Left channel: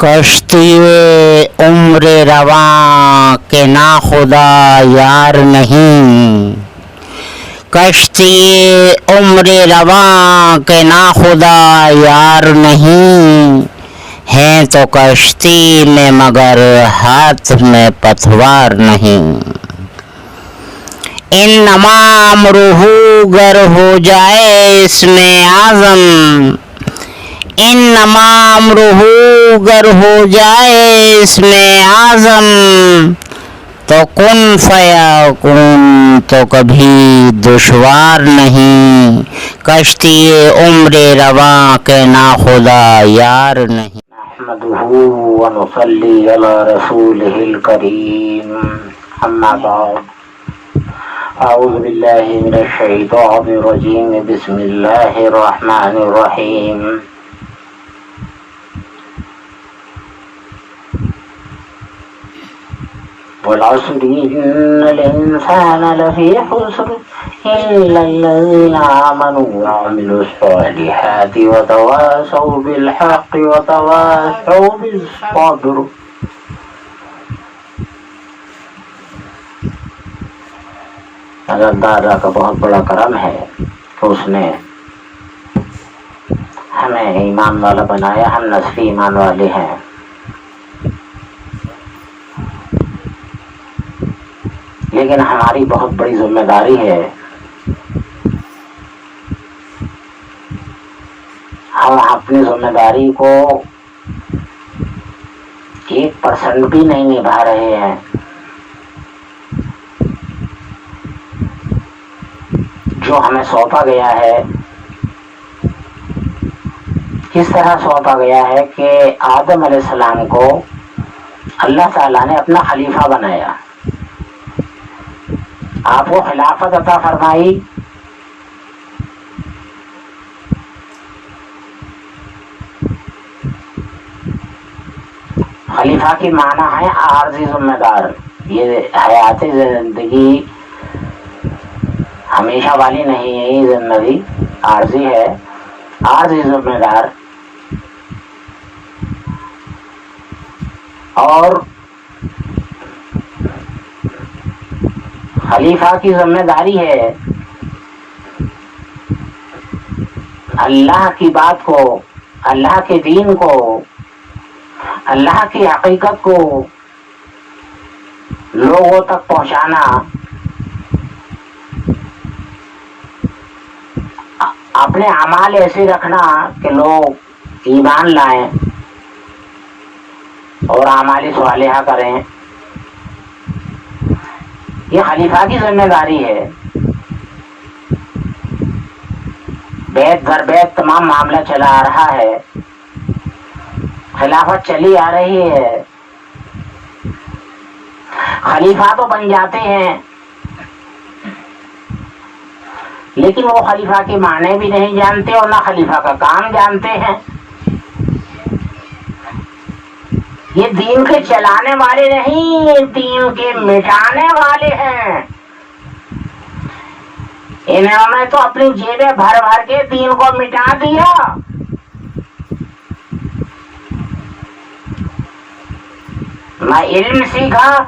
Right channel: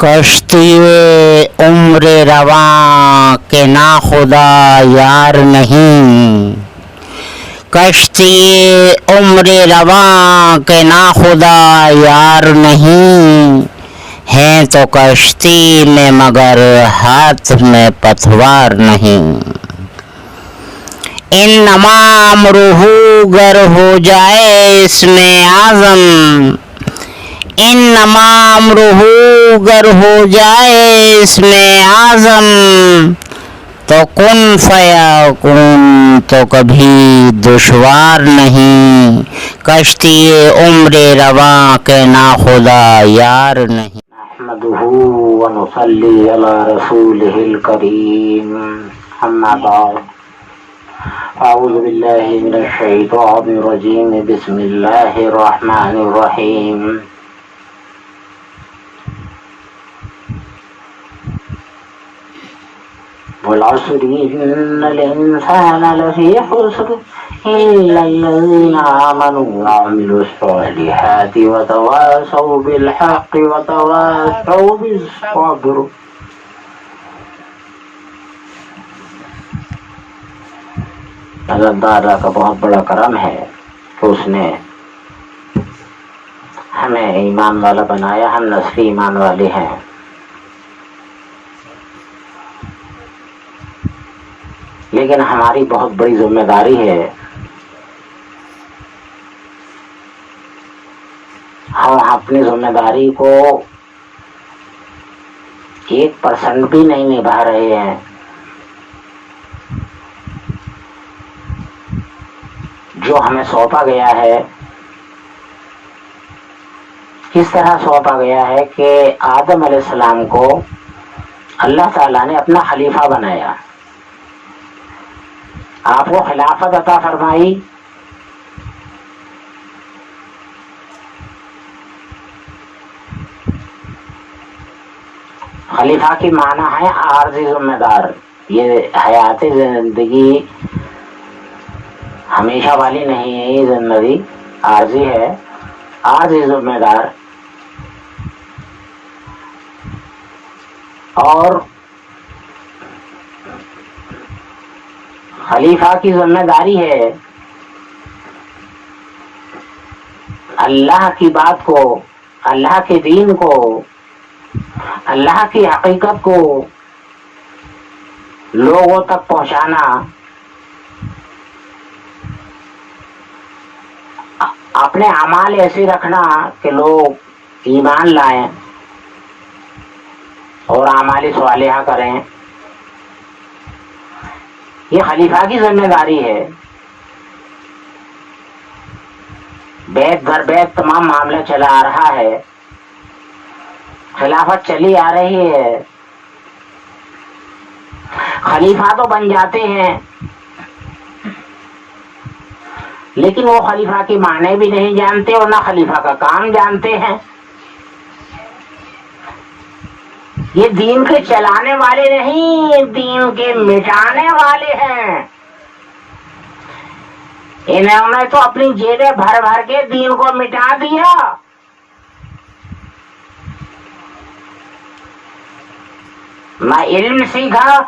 کشتی عمر رواں کے ناخدا یار نہیں، کشتی عمر رواں کے ناخدا یار نہیں، ہیں تو کشتی میں مگر ہاتھ میں پتوار نہیں۔ انما امرہ گر ہو جائے اس میں اعظم، انما امرہ گر ہو جائے اس میں اعظم، تو کن فیکون تو کبھی دشوار نہیں، کشتی عمر رواں کے ناخدا یار نہیں۔ نحمدہ ونصلی علی رسولہ الکریم، اما بعد، اعوذ باللہ من الشیطان الرجیم، بسم اللہ الرحمن الرحیم۔ والعصر إن الإنسان لفي خسر إلا الذين آمنوا وعملوا الصالحات وتواصوا بالحق وتواصوا بالصبر۔ اللہ تعالیٰ کا بہت بڑا کرم ہے کہ اس نے ہمیں ایمان والا بنایا، ہم نصفی ایمان والے ہیں، لیکن ہماری بہت بڑی ذمہ داری ہے، ہم اپنی ذمہ داری کو 1% بھی نہیں نبھا رہے ہیں۔ جو ہمیں سونپا گیا ہے، کس طرح سونپا گیا ہے کہ آدم علیہ السلام کو اللہ تعالیٰ نے اپنا خلیفہ بنایا، آپ کو خلافت عطا فرمائی، خلیفہ کی معنی ہے عارضی ذمہ دار۔ یہ حیات زندگی ہمیشہ والی نہیں ہے، یہ زندگی عارضی ہے، عارضی ذمہ دار۔ اور خلیفہ کی ذمہ داری ہے اللہ کی بات کو، اللہ کے دین کو، اللہ کی حقیقت کو لوگوں تک پہنچانا، اپنے اعمال ایسے رکھنا کہ لوگ ایمان لائیں اور اعمال صالحہ کریں، یہ خلیفہ کی ذمہ داری ہے۔ بیت بھر بیت تمام معاملہ چلا آ رہا ہے، خلافت چلی آ رہی ہے، خلیفہ تو بن جاتے ہیں لیکن وہ خلیفہ کے معنی بھی نہیں جانتے اور نہ خلیفہ کا کام جانتے ہیں۔ یہ دین کے چلانے والے نہیں، یہ دین کے مٹانے والے ہیں۔ انہوں نے تو اپنی جیبیں بھر بھر کے دین کو مٹا دیا۔ نہ علم سیکھا،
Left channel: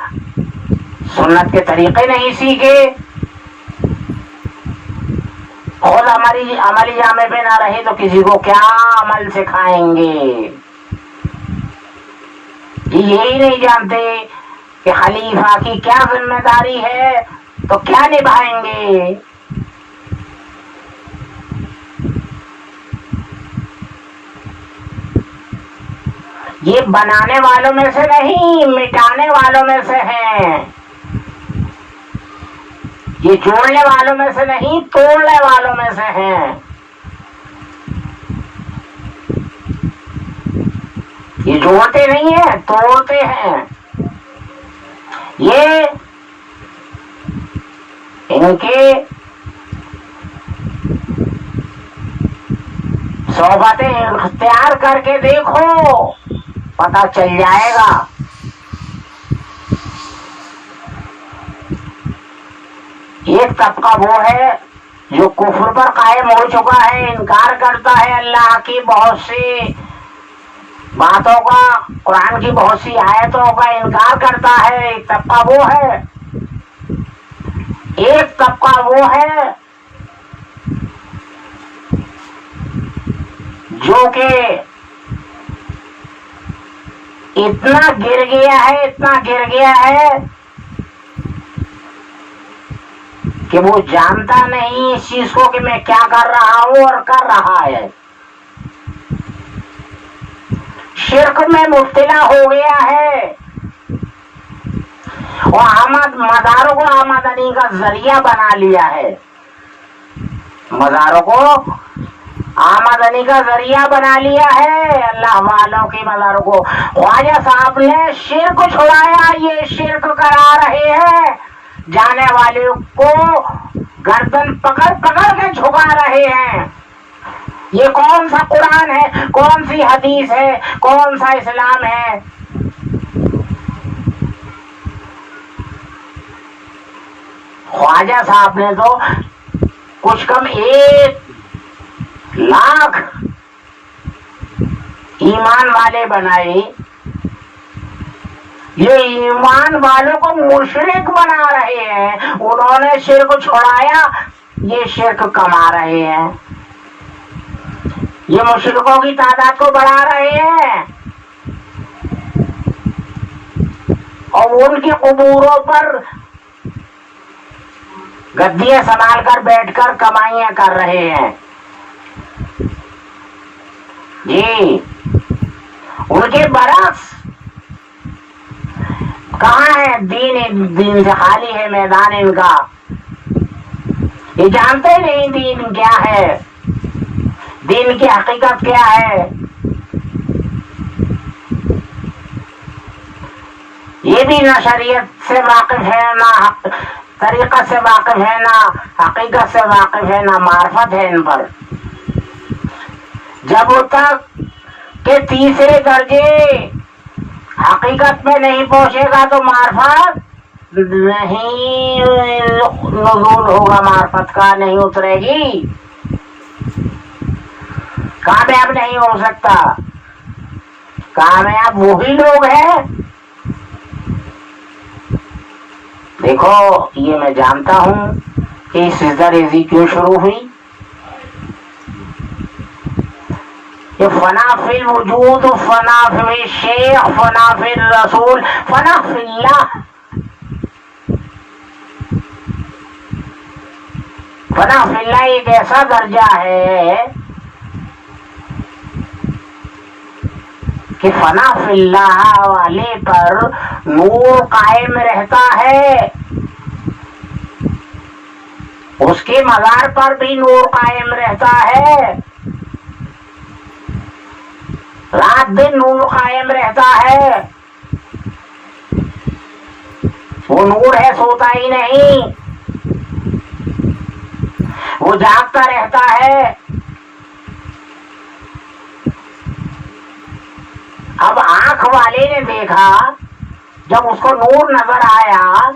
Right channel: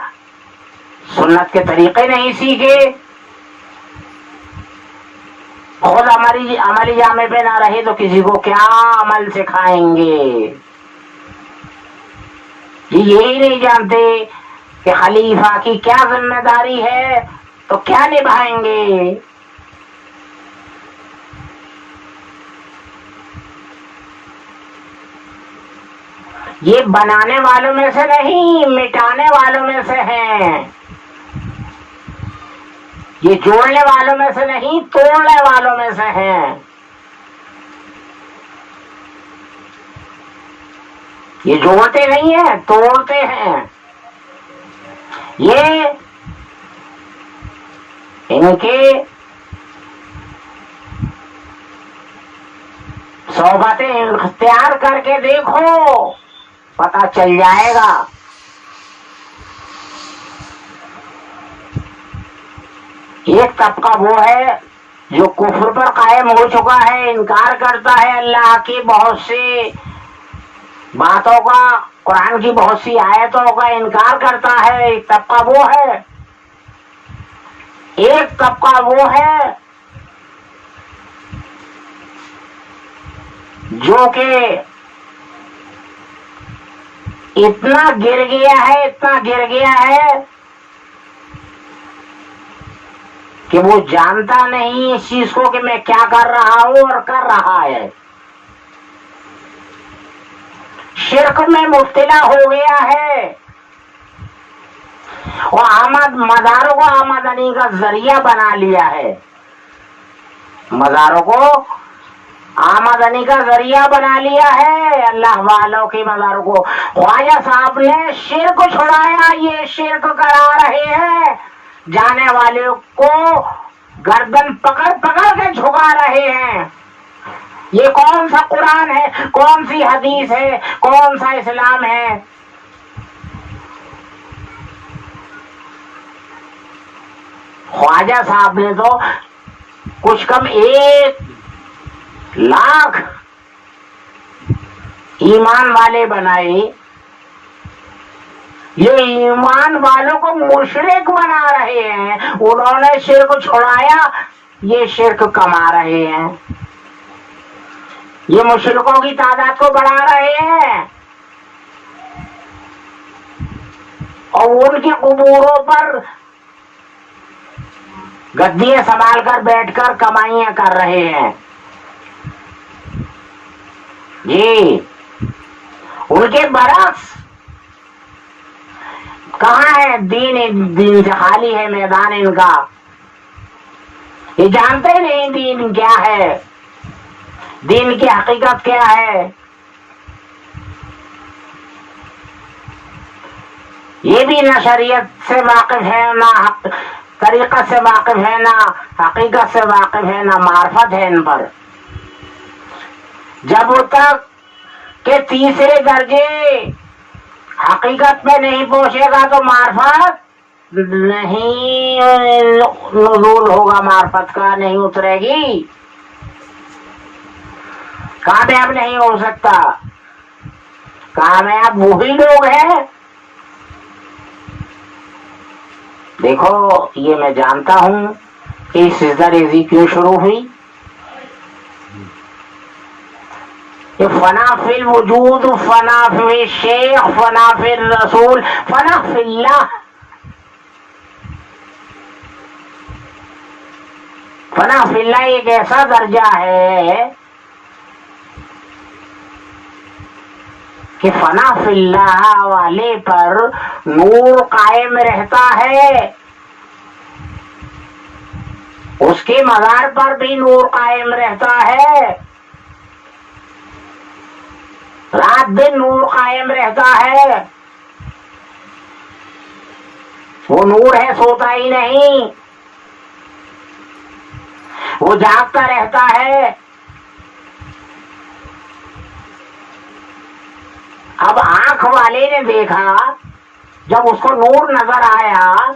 سنت کے طریقے نہیں سیکھے، خود عملی جامے پہ نہ رہے تو کسی کو کیا عمل سکھائیں گے؟ یہی نہیں جانتے کہ خلیفہ کی کیا ذمہ داری ہے تو کیا نبھائیں گے۔ یہ بنانے والوں میں سے نہیں، مٹانے والوں میں سے ہیں، یہ جوڑنے والوں میں سے نہیں، توڑنے والوں میں سے ہیں۔ یہ جوڑتے نہیں ہیں، توڑتے ہیں۔ یہ ان کے صحبتیں اختیار کر کے دیکھو، پتہ چل جائے گا۔ ایک طبقہ وہ ہے جو کفر پر قائم ہو چکا ہے، انکار کرتا ہے اللہ کی بہت سی باتوں کا، قرآن کی بہت سی آیتوں کا انکار کرتا ہے. ایک طبقہ وہ ہے، ایک طبقہ وہ ہے جو کہ اتنا گر گیا ہے، اتنا گر گیا ہے کہ وہ جانتا نہیں اس چیز کو کہ میں کیا کر رہا ہوں اور کر رہا ہے. شرک میں مبتلا ہو گیا ہے اور مزاروں کو آمدنی کا ذریعہ بنا لیا ہے. مزاروں کو آمدنی کا ذریعہ بنا لیا ہے اللہ والوں کی مزاروں کو. خواجہ صاحب نے شرک چھڑایا، یہ شرک کرا رہے ہیں، جانے والے کو گردن پکڑ پکڑ کے جھکا رہے ہیں. یہ کون سا قرآن ہے، کون سی حدیث ہے، کون سا اسلام ہے؟ خواجہ صاحب نے تو کچھ کم 1,00,000 ایمان والے بنائے. یہ ایمان والوں کو مشرک بنا رہے ہیں. انہوں نے شرک چھڑایا، یہ شرک کما رہے ہیں. یہ مشرکوں کی تعداد کو بڑھا رہے ہیں اور ان کی قبوروں پر گدیاں سنبھال کر بیٹھ کر کمائیاں کر رہے ہیں. جی ان کے برعکس کہاں ہے دین سے خالی ہے میدان ان کا. یہ جانتے نہیں دین کیا ہے، دین کی حقیقت کیا ہے. یہ بھی نہ شریعت سے واقف ہے، نہ طریقت سے واقف ہے، نہ حقیقت سے واقف ہے، نہ معرفت ہے ان پر. جب تک کہ تیسرے درجے حقیقت میں نہیں پہنچے گا تو معرفت نہیں نزول ہوگا، معرفت کا نہیں اترے گی، کامیاب نہیں ہو سکتا. کامیاب وہی لوگ ہیں. دیکھو یہ میں جانتا ہوں کہ سجدہ ریزی کیوں شروع ہوئی. یہ فنا فی الوجود، فنا فی الشیخ، فنا فی الرسول، فنا فی اللہ. فنا فی اللہ ایک ایسا درجہ ہے کہ فنا فی اللہ والے پر نور قائم رہتا ہے، اس کے مزار پر بھی نور قائم رہتا ہے، رات دن نور قائم رہتا ہے. وہ نور ہے، سوتا ہی نہیں، وہ جاگتا رہتا ہے. اب آنکھ والے نے دیکھا، جب اس کو نور نظر آیا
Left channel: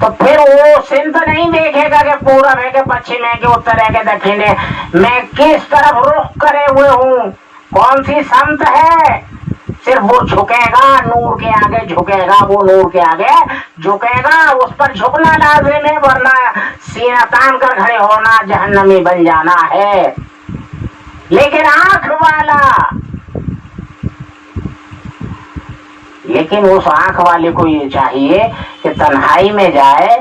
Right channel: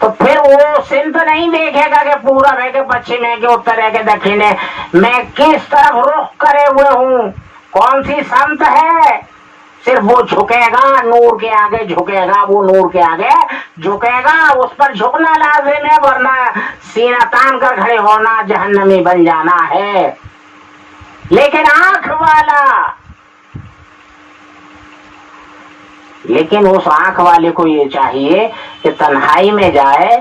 تو پھر وہ سمت نہیں دیکھے گا کہ پورب ہے کہ پچھم ہے کہ اتر ہے کہ دکھن ہے، میں کس طرف رخ کرے ہوئے ہوں، کون سی سمت ہے. صرف وہ جھکے گا، نور کے آگے جھکے گا، وہ نور کے آگے جھکے گا. اس پر جھکنا لازم ہے، ورنہ سینہ تان کر کھڑے ہونا، جہنمی بن جانا ہے. لیکن آنکھ والا، لیکن اس آنکھ والے کو یہ چاہیے کہ تنہائی میں جائے،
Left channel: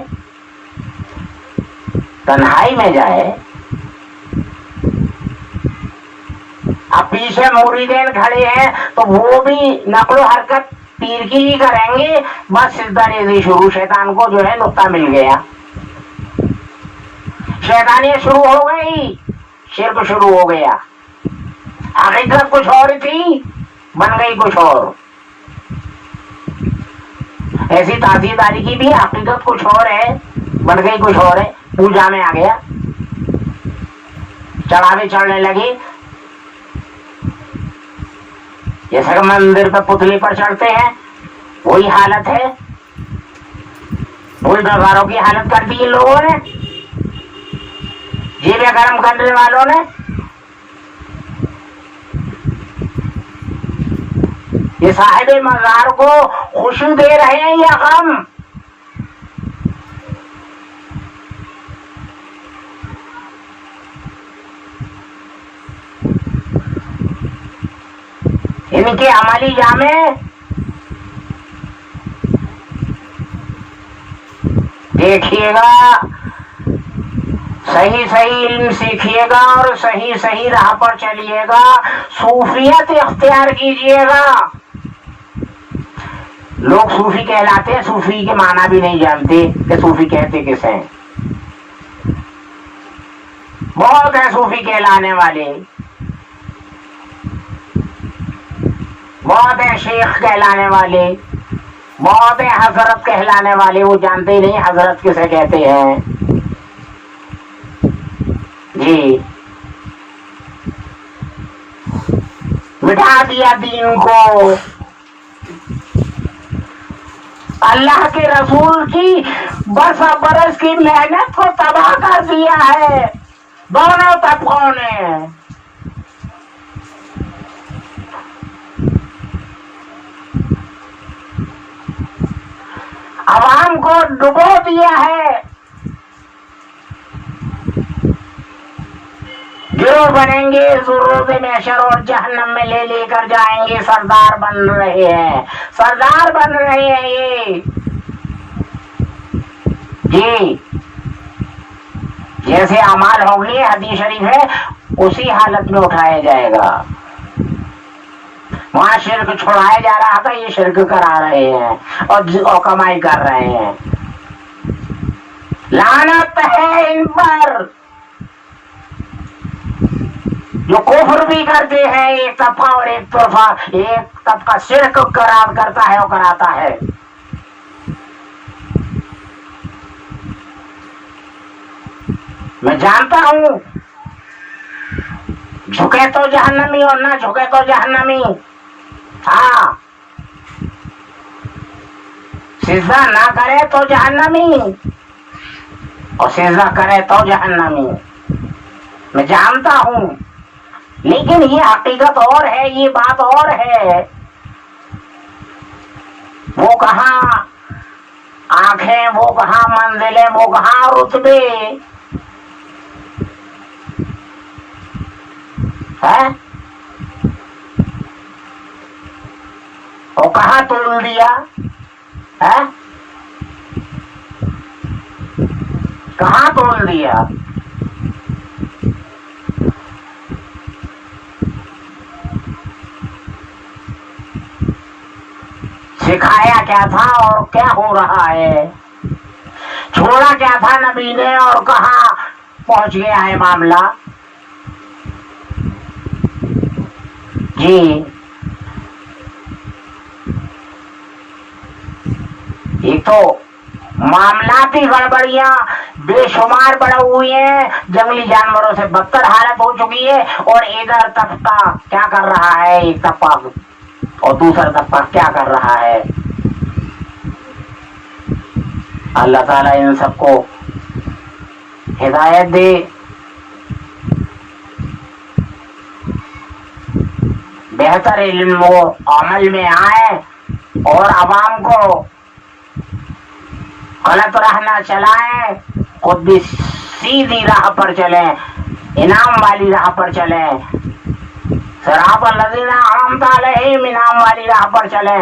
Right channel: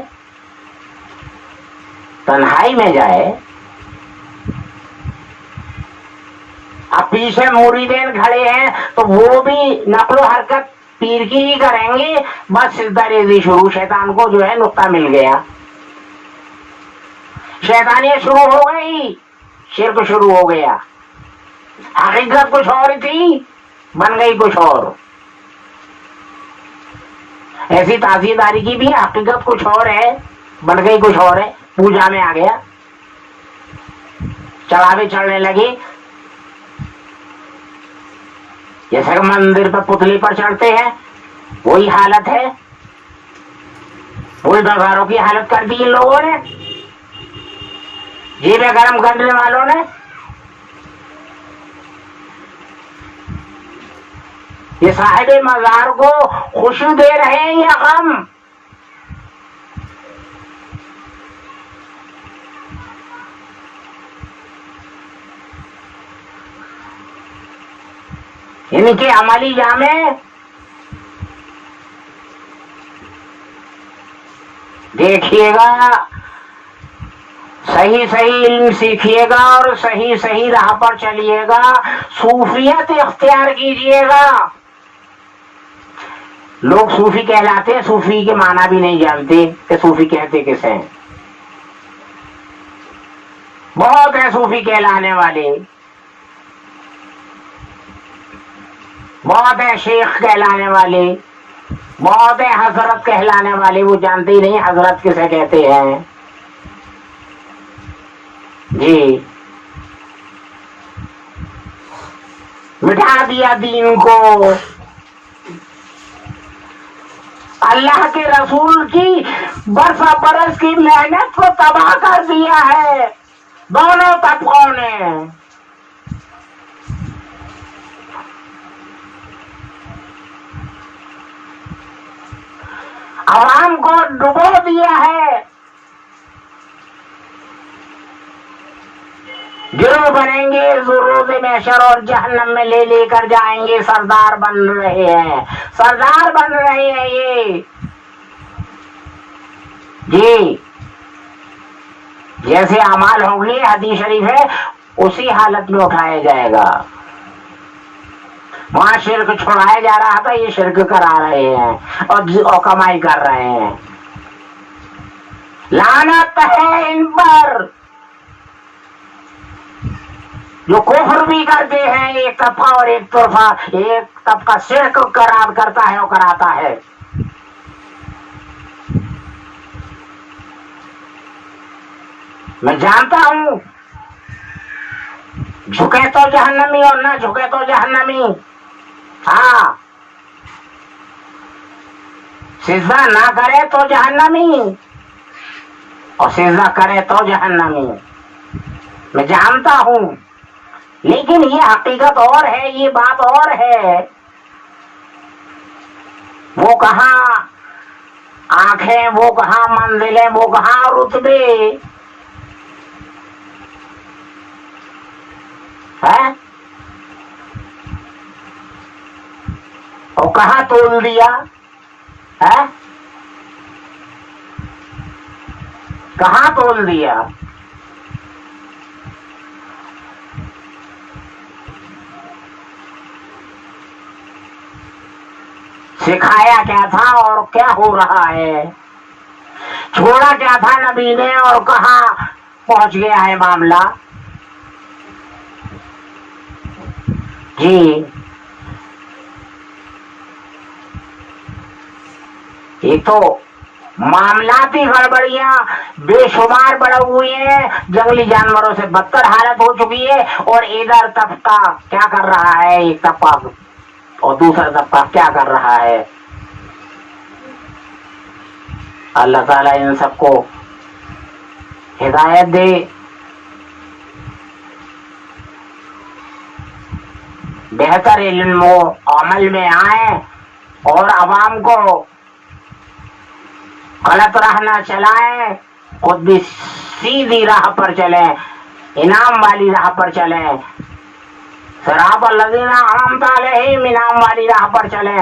تنہائی میں جائے. اب پیچھے مریدین کھڑے ہیں تو وہ بھی نقل و حرکت پیر کی ہی کریں گے. بس سجدہ ریزی شروع، شیطان کو جو ہے نقطہ مل گیا، شیطانیت شروع ہو گئی، شرک شروع ہو گیا. حقیقت کچھ اور تھی، بن گئی کچھ اور. ایسی تعزیداری کی بھی حقیقت کچھ اور ہے، بن گئی کچھ اور ہے. پوجا میں آ گیا، چڑھاوے چڑھنے لگی، جیسے کہ مندر پہ پتلی پر چڑھتے ہیں وہی حالت ہے. وہی بازاروں کی حالت کر دی ان لوگوں نے، جیبیں گرم کرنے والوں نے. یہ صاحب مزار کو خوشی دے رہے ہیں یا غم؟ ان کے عملی جامے دیکھیے گا، صحیح صحیح علم سیکھیے گا اور صحیح صحیح راہ پر چلیے گا، صوفیت اختیار کیجیے گا۔ لوگ صوفی کہلاتے ہیں، صوفی کے معنی بھی نہیں جانتے کہ صوفی کہتے کس ہیں۔ بہت ہیں صوفی کہلانے والے، بہت ہیں شیخ کہلانے والے، بہت ہیں حضرت کہلانے والے، وہ جانتے ہی نہیں حضرت کسے کہتے ہیں۔ جی مٹا دیا دین کو، اللہ کے رسول کی برسا برس کی محنت کو تباہ کر دیا ہے دونوں طبقوں نے۔ عوام کو ڈبو دیا ہے، گروہ بنیں گے، روز محشر اور جہنم میں لے لے کر جائیں گے، سردار بن رہے ہیں، سردار بن رہے ہیں یہ۔ جی جیسے اعمال ہوں گے، حدیث شریف ہے، اسی حالت میں اٹھایا جائے گا۔ وہاں شرک چھوڑایا جا رہا تھا، یہ شرک کرا رہے ہیں اور کمائی کر رہے ہیں۔ لعنت ہے ان پر جو کفر بھی کرتے ہیں، ایک طبقہ اور ایک طرفہ، ایک طبقہ شرک قرار کرتا ہے اور کراتا ہے۔ میں جانتا ہوں جھکے تو جہنمی اور نہ جھکے تو جہنمی۔ ہاں سجدہ نہ کرے تو جہنمی اور سجدہ کرے تو جہنمی، میں جانتا ہوں، لیکن یہ حقیقت اور ہے، یہ بات اور ہے۔ وہ کہاں آنکھیں، وہ کہاں منزلیں، وہ کہاں رتبے ہے، وہ کہاں تول دیا ہے، کہاں تول دیا؟ سکھایا کیا تھا اور کیا ہو رہا ہے؟ چھوڑا کیا تھا نبی نے اور کہاں پہنچ گیا ہے معاملہ؟ جی ایک تو معاملاتی گڑبڑیاں بے شمار بڑھ ہوئی ہیں، جنگلی جانوروں سے بدتر حالت ہو چکی ہے، اور ادھر طبقہ کیا کر رہا ہے، ایک طبقہ اور دوسرا طبقہ کیا کر رہا ہے۔ اللہ تعالیٰ ان سب کو ہدایت دے، بہتر علم و عمل میں آئے اور عوام کو غلط راہ نہ چلائیں، خود بھی سیدھی راہ پر چلیں، انعام والی راہ پر چلیں، صراط الذین انعمت علیہم انعام والی راہ پر چلیں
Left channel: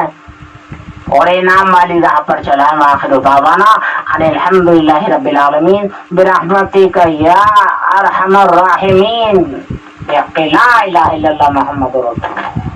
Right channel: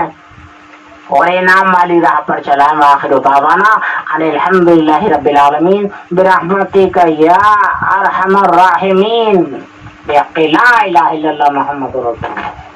اور انعام والی راہ پر چلائیں۔ وآخر دعوانا ان الحمدللہ رب العالمین برحمتک یا ارحم الراحمین، بحق لا الہ الا اللہ محمد رسول اللہ۔